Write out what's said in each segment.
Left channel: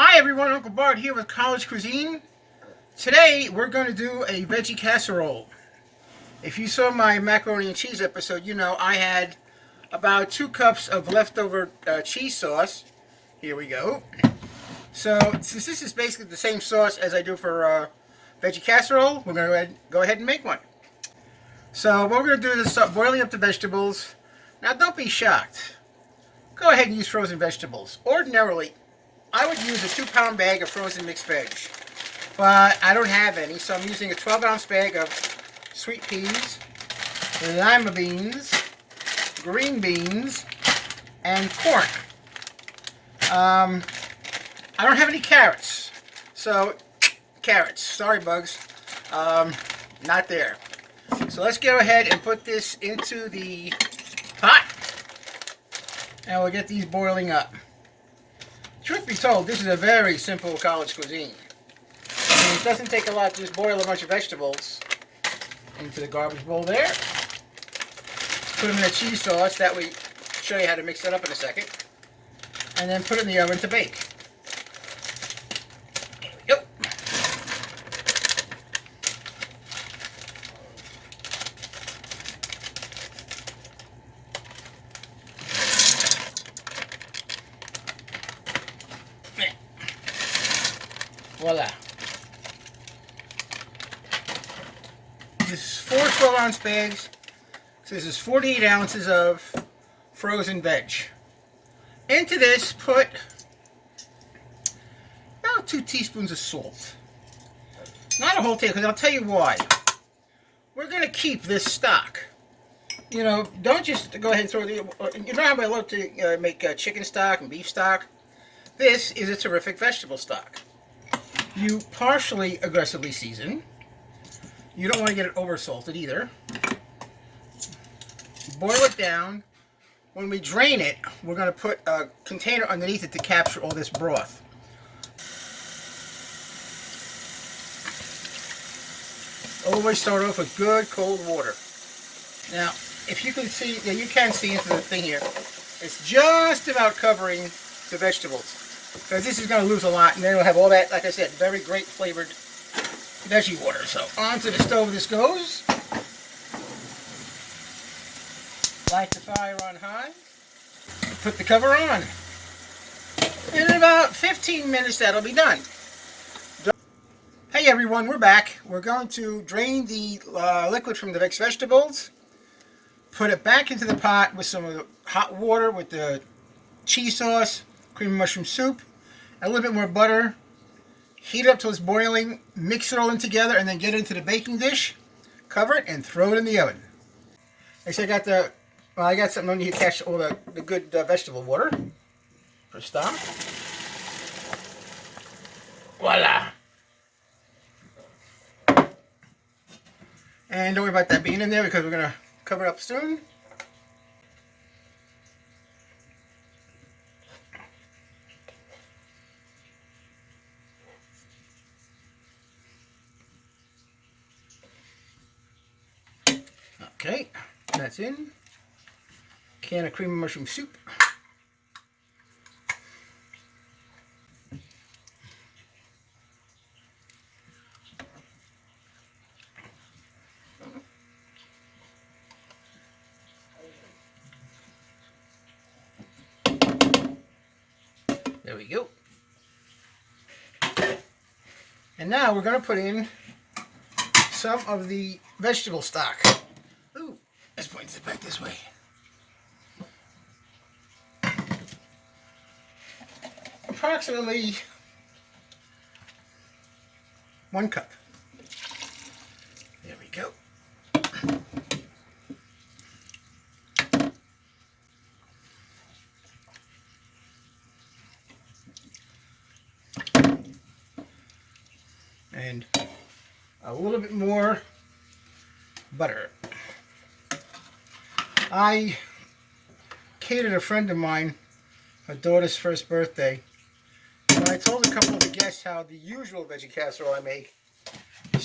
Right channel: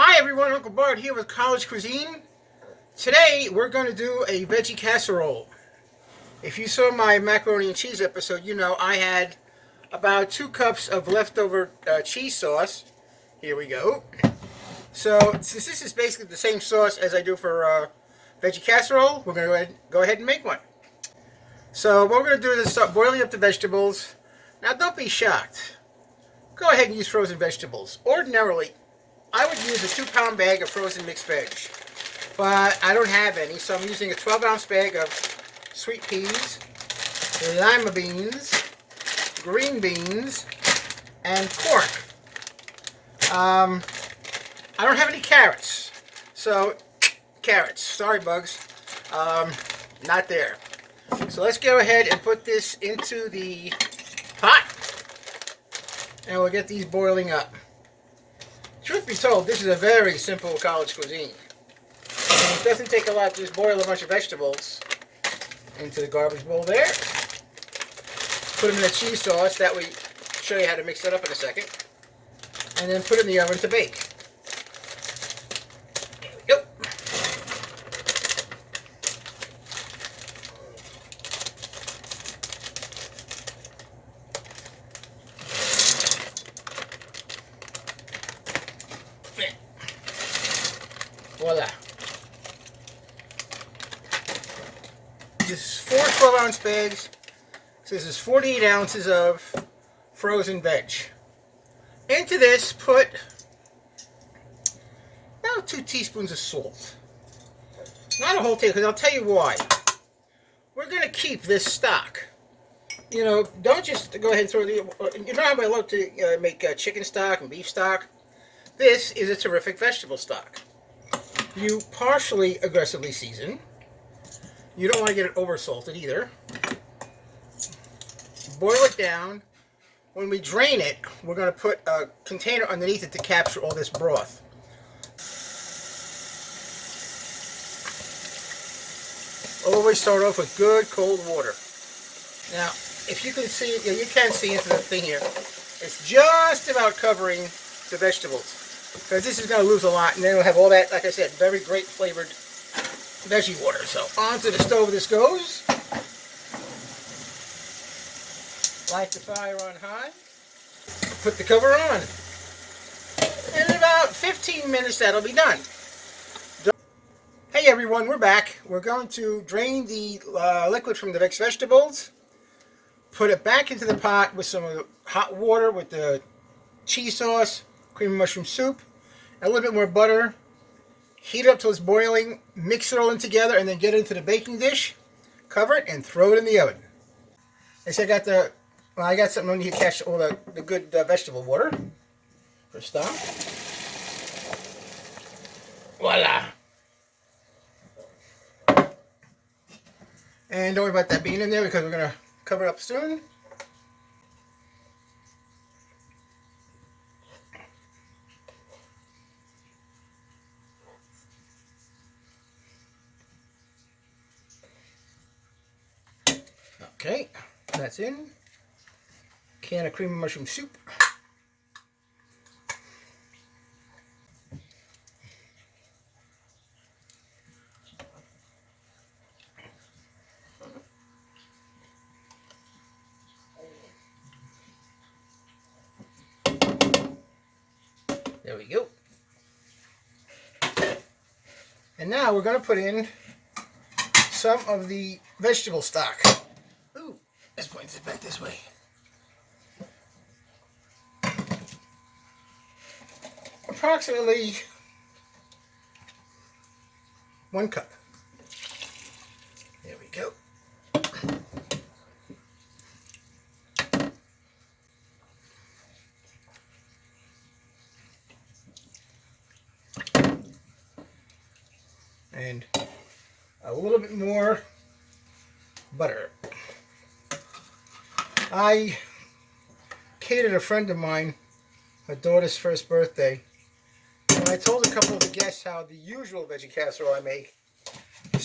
Hi everyone, Uncle Bart here with College Cuisine. Today we're going to do a veggie casserole. If you saw my macaroni and cheese episode, you know I had about 2 cups of leftover cheese sauce. Here we go. So since this is basically the same sauce as I do for veggie casserole, we're going to go ahead and make one. So what we're going to do is start boiling up the vegetables. Now don't be shocked. Go ahead and use frozen vegetables. Ordinarily, I would use a 2-pound bag of frozen mixed veg, but I don't have any, so I'm using a 12-ounce bag of sweet peas, lima beans, green beans, and corn. I don't have any carrots, so carrots, sorry bugs, not there. So let's go ahead and put this into the pot, and we'll get these boiling up. Truth be told, this is a very simple college cuisine. And it doesn't take a lot to just boil a bunch of vegetables into the garbage bowl there. Put them in a cheese sauce. That way, show you how to mix that up in a second. And then put it in the oven to bake. There we go. Voila. This is 4 12-ounce bags. So this is 48 ounces of frozen veg. Into this, put about 2 teaspoons of salt. Not a whole tablespoon, because I'll tell you why. We're going to keep this stock. You know, don't just go ahead and throw the... You know how I love to make chicken stock and beef stock? This is a terrific vegetable stock. You partially aggressively season. You don't want to get it over salted either. Boil it down. When we drain it, we're going to put a container underneath it to capture all this broth. Always start off with good cold water. Now, if you can see, you can see into the thing here. It's just about covering the vegetables, because this is going to lose a lot, and then we'll have all that, like I said, very great flavored veggie water. So onto the stove this goes. Light the fire on high. Put the cover on. And in about 15 minutes that'll be done. Hey everyone, we're back. We're going to drain the liquid from the mixed vegetables. Put it back into the pot with some of the hot water with the cheese sauce, cream and mushroom soup, and a little bit more butter. Heat it up till it's boiling, mix it all in together, and then get it into the baking dish. Cover it and throw it in the oven. Next, I got something on you to catch all the good vegetable water. For a stop. Voila. And don't worry about that being in there because we're going to cover it up soon. Okay, that's in. Can of cream and mushroom soup. There we go. And now we're going to put in some of the vegetable stock. Ooh, let's point it back this way. Approximately 1 cup. There we go. And a little bit more butter. I catered a friend of mine her daughter's first birthday. And I told a couple of the guests how the usual veggie casserole I make.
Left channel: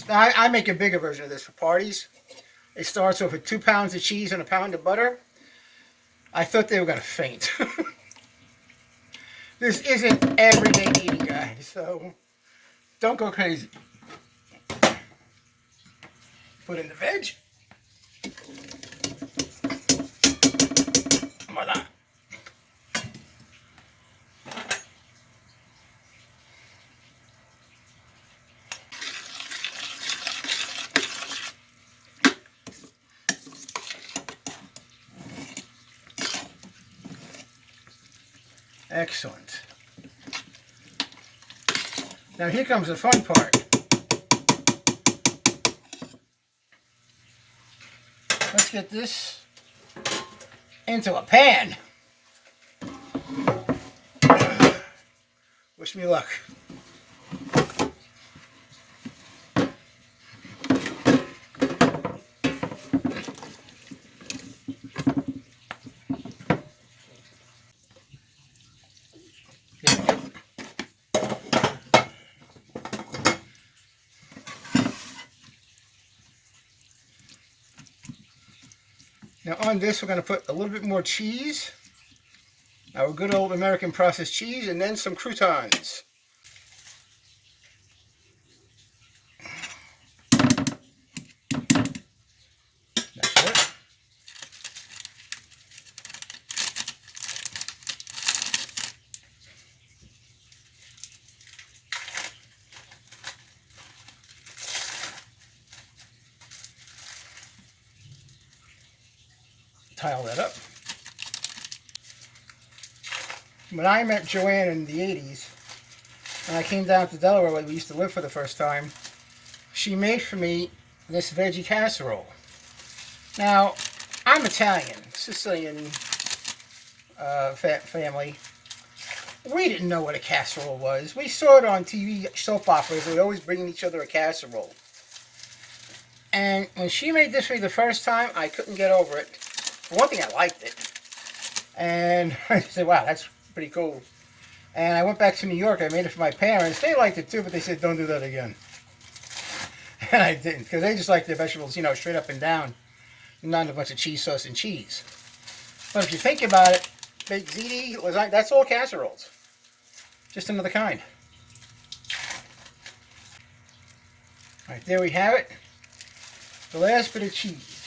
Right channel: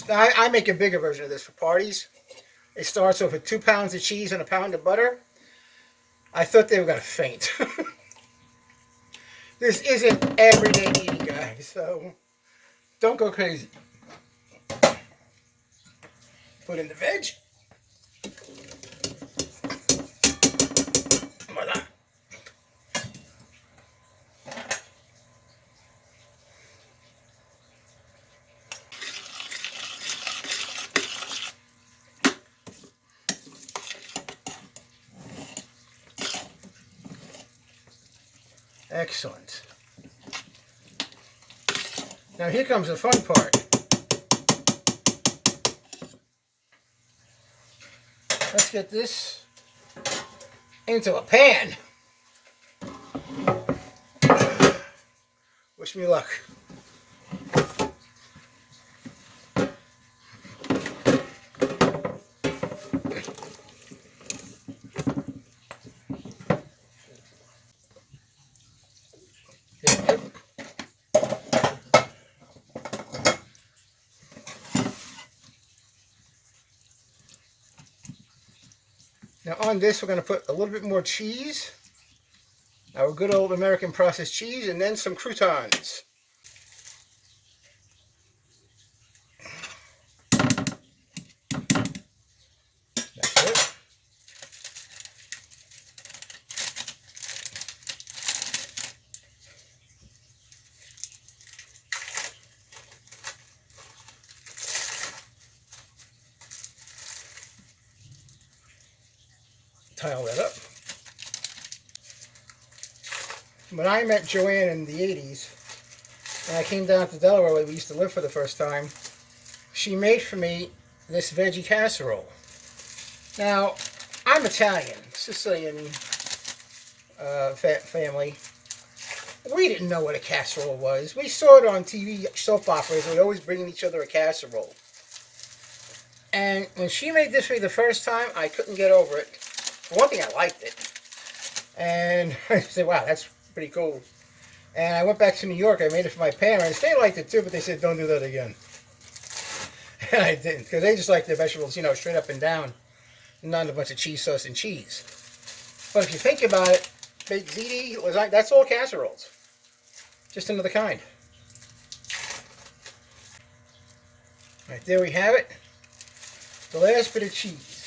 I make a bigger version of this for parties. It starts off with 2 pounds of cheese and 1 pound of butter. I thought they were going to faint. This isn't everyday eating, guys. so don't go crazy. Put in the veg. Voila. Excellent. Now here comes the fun part. Let's get this into a pan. Wish me luck. There we go. Now on this, we're going to put a little bit more cheese, our good old American processed cheese, and then some croutons. That's it. Tile that up. When I met Joanne in the 80s, when I came down to Delaware where we used to live for the first time, she made for me this veggie casserole. Now, I'm Italian, Sicilian family. We didn't know what a casserole was. We saw it on TV soap operas. They were always bringing each other a casserole. And when she made this for me the first time, I couldn't get over it. For one thing, I liked it. And I said, wow, that's pretty cool. And I went back to New York. I made it for my parents. They liked it too, but they said, don't do that again. And I didn't, because they just like their vegetables, you know, straight up and down. Not a bunch of cheese sauce and cheese. But if you think about it, baked ziti, lasagna, that's all casseroles. Just another kind. All right, there we have it. The last bit of cheese.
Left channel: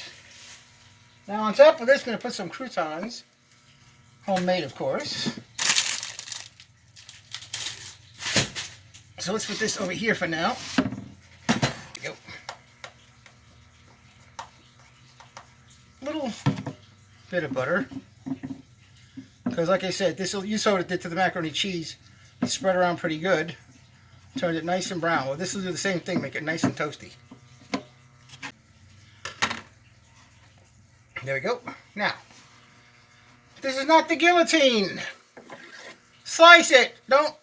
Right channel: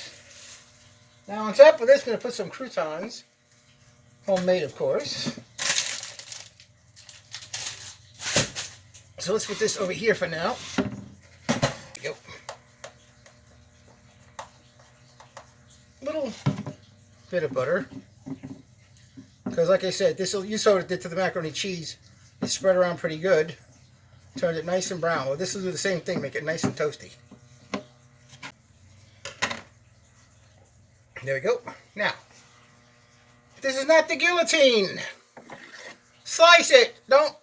Now on top of this, I'm going to put some croutons. Homemade, of course. So let's put this over here for now. There we go. Little bit of butter. Because like I said, you saw what it did to the macaroni cheese. It spread around pretty good. Turned it nice and brown. Well, this will do the same thing, make it nice and toasty. There we go. Now, this is not the guillotine. Slice it. Don't.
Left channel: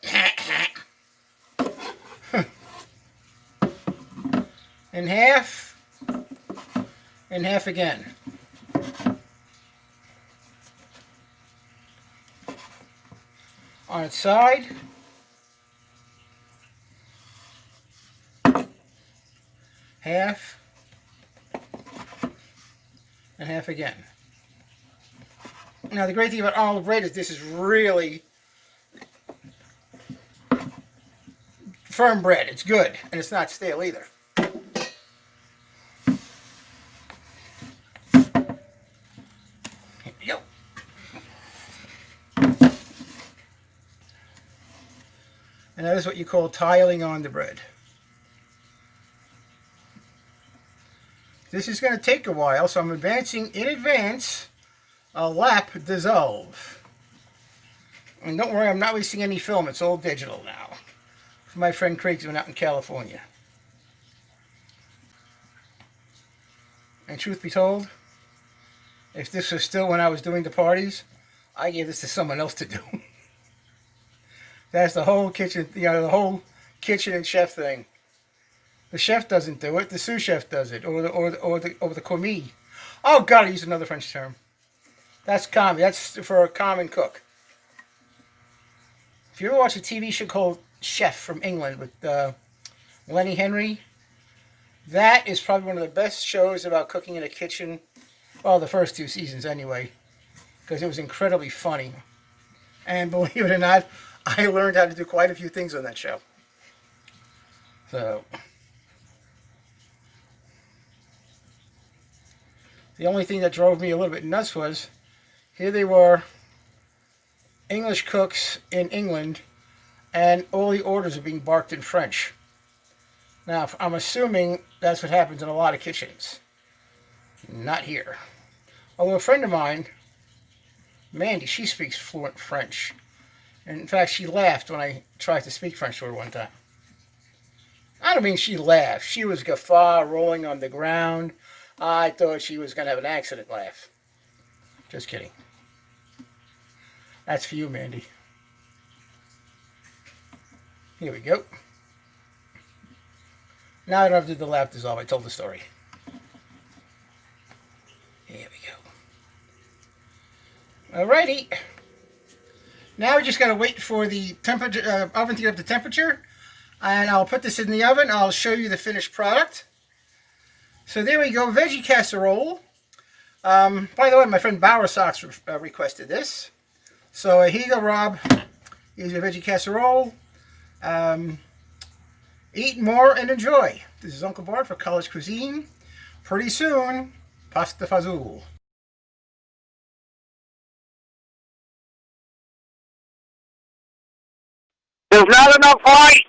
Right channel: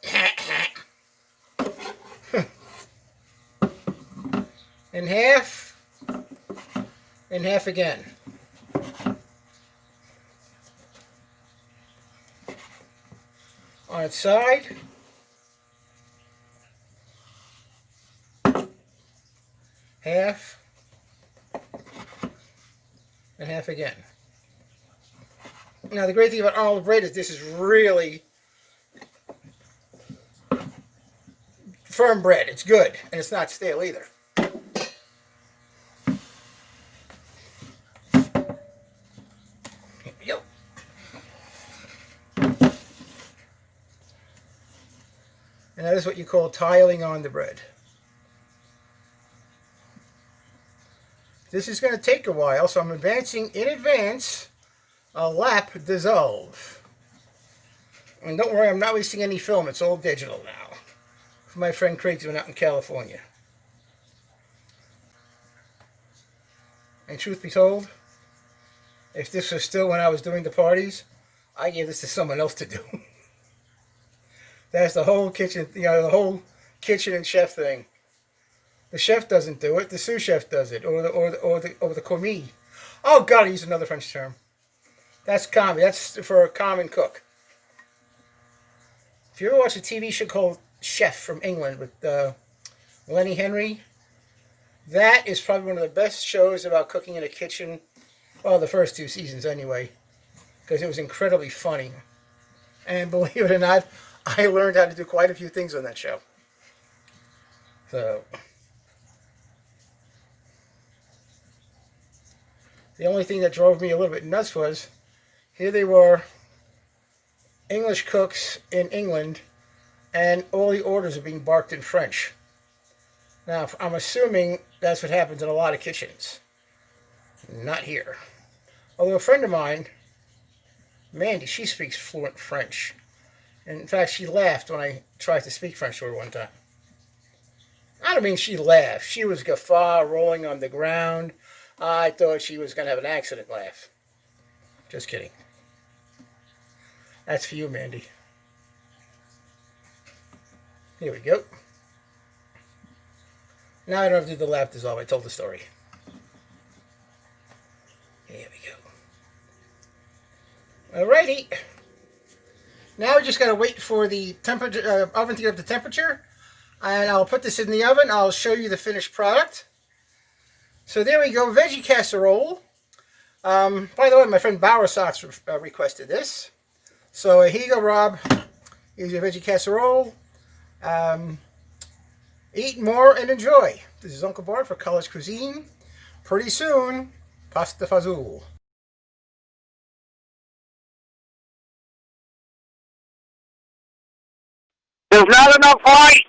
In half. In half again. On its side. Half. And half again. Now the great thing about olive bread is this is really firm bread. It's good, and it's not stale either. Here we go. And that is what you call tiling on the bread. This is going to take a while, so I'm advancing in advance a lap dissolve. And don't worry, I'm not wasting any film. It's all digital now. For my friend Craig's been out in California. And truth be told, if this was still when I was doing the parties, I gave this to someone else to do. That's the whole kitchen, you know, the whole kitchen and chef thing. The chef doesn't do it. The sous chef does it, or the commis. Oh God, I used another French term. That's commis. That's for a common cook. If you ever watch a TV show called Chef from England with Lenny Henry, that is probably one of the best shows about cooking in a kitchen. Well, the first 2 seasons anyway, because it was incredibly funny. And believe it or not, I learned how to do quite a few things on that show. So, the only thing that drove me a little bit nuts was, here they were, English cooks in England, and all the orders are being barked in French. Now, I'm assuming that's what happens in a lot of kitchens. Not here. Although a friend of mine, Mandy, she speaks fluent French. And in fact, she laughed when I tried to speak French to her one time. I don't mean she laughed. She was guffaw, rolling on the ground. I thought she was going to have an accident laugh. Just kidding. That's for you, Mandy. Here we go. Now I don't have to do the lap dissolve. I told the story. Here we go. Alrighty. Now we just got to wait for the temperature oven to get up to temperature. And I'll put this in the oven. I'll show you the finished product. So there we go. Veggie casserole. By the way, my friend Bowersox requested this. So here you go, Rob. Here's your veggie casserole. Eat more and enjoy. This is Uncle Bart for College Cuisine. Pretty soon, pasta fazool. There's not enough light.